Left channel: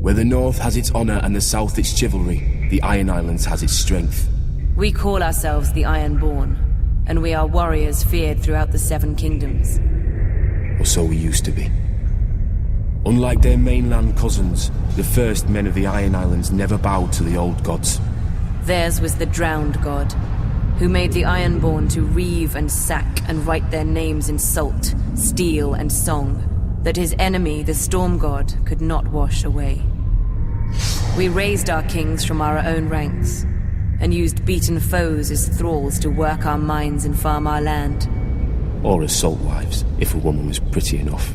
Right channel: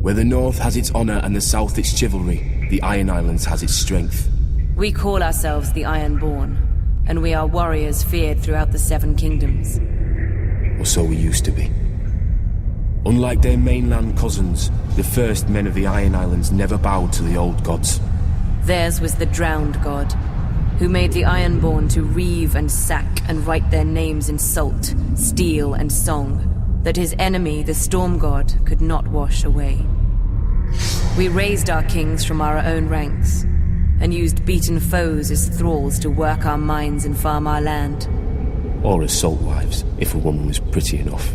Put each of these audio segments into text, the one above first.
Where the North has its honor and the South its chivalry, the Iron Islands has its strength. We call ourselves the Ironborn, and we are warriors feared throughout the Seven Kingdoms. Or so we used to be. Unlike their mainland cousins, the first men of the Iron Islands never bowed to the old gods. Theirs was the drowned god, who made the Ironborn to reave and sack and write their names in salt, steel, and song, that his enemy, the Storm God, could not wash away. We raised our kings from our own ranks, and used beaten foes as thralls to work our mines and farm our land. Or as salt wives, if a woman was pretty enough.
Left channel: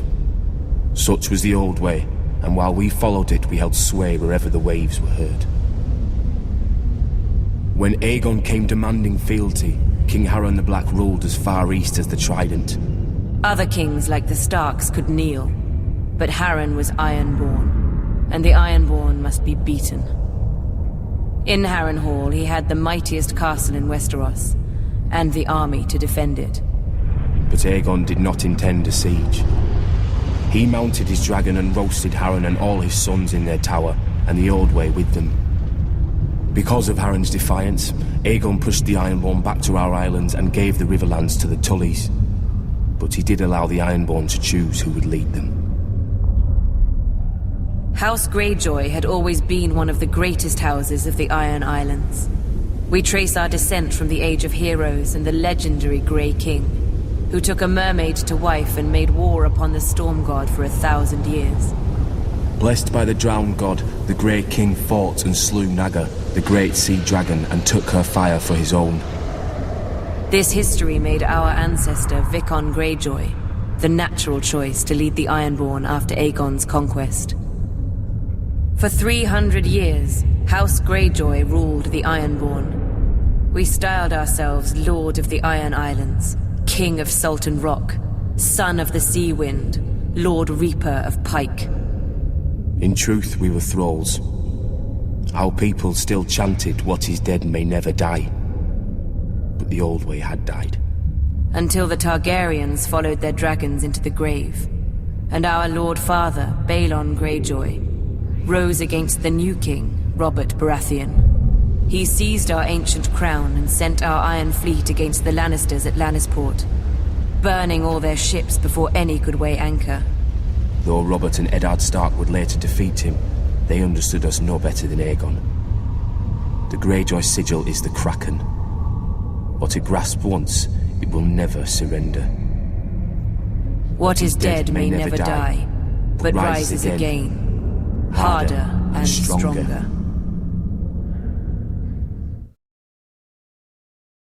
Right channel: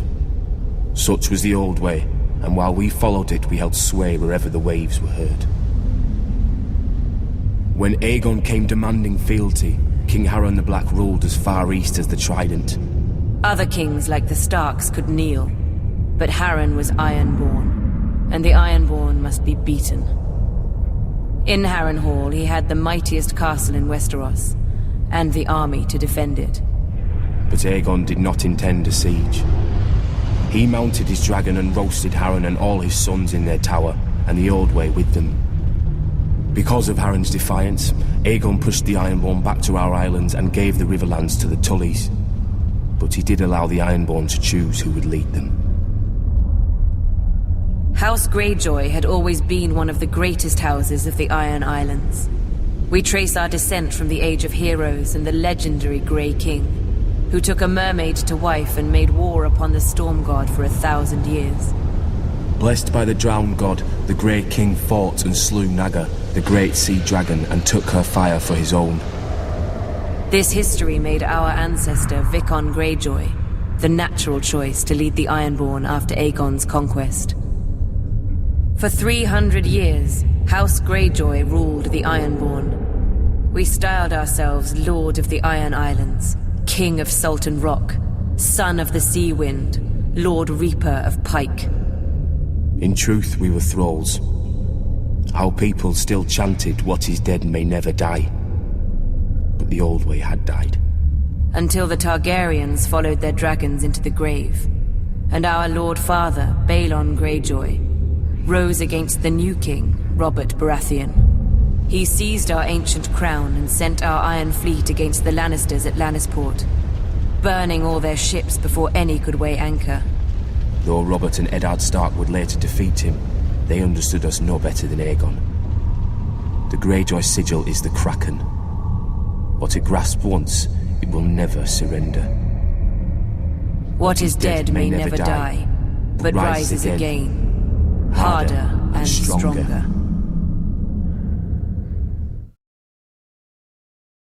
Such was the old way, and while we followed it, we held sway wherever the waves were heard. When Aegon came demanding fealty, King Harren the Black ruled as far east as the Trident. Other kings like the Starks could kneel, but Harren was Ironborn, and the Ironborn must be beaten. In Harrenhal, he had the mightiest castle in Westeros, and the army to defend it. But Aegon did not intend a siege. He mounted his dragon and roasted Harren and all his sons in their tower, and the Old Way with them. Because of Harren's defiance, Aegon pushed the Ironborn back to our islands and gave the Riverlands to the Tullys. But he did allow the Ironborn to choose who would lead them. House Greyjoy had always been one of the greatest houses of the Iron Islands. We trace our descent from the Age of Heroes and the legendary Grey King, who took a mermaid to wife and made war upon the Storm God for 1,000 years. Blessed by the Drowned God, the Grey King fought and slew Naga, the great sea dragon, and took her fire for his own. This history made our ancestor Vicon Greyjoy the natural choice to lead the Ironborn after Aegon's conquest. For 300 years, House Greyjoy ruled the Ironborn. We styled ourselves Lord of the Iron Islands, King of Salt and Rock, Son of the Sea Wind, Lord Reaper of Pike. In truth, we were thralls. Our people still chanted, "What is dead may never die." But the Old Way had died. Until the Targaryens followed their dragons into the grave, and our Lord Father, Balon Greyjoy, rose against the new king, Robert Baratheon. He seized our ancient crown and sent our Iron Fleet against the Lannisters at Lannisport, burning all their ships before any could weigh anchor. Though Robert and Eddard Stark would later defeat him, they understood us no better than Aegon. The Greyjoy sigil is the Kraken. What it grasped once, it will never surrender. What is dead may never die, but rises again, harder and stronger.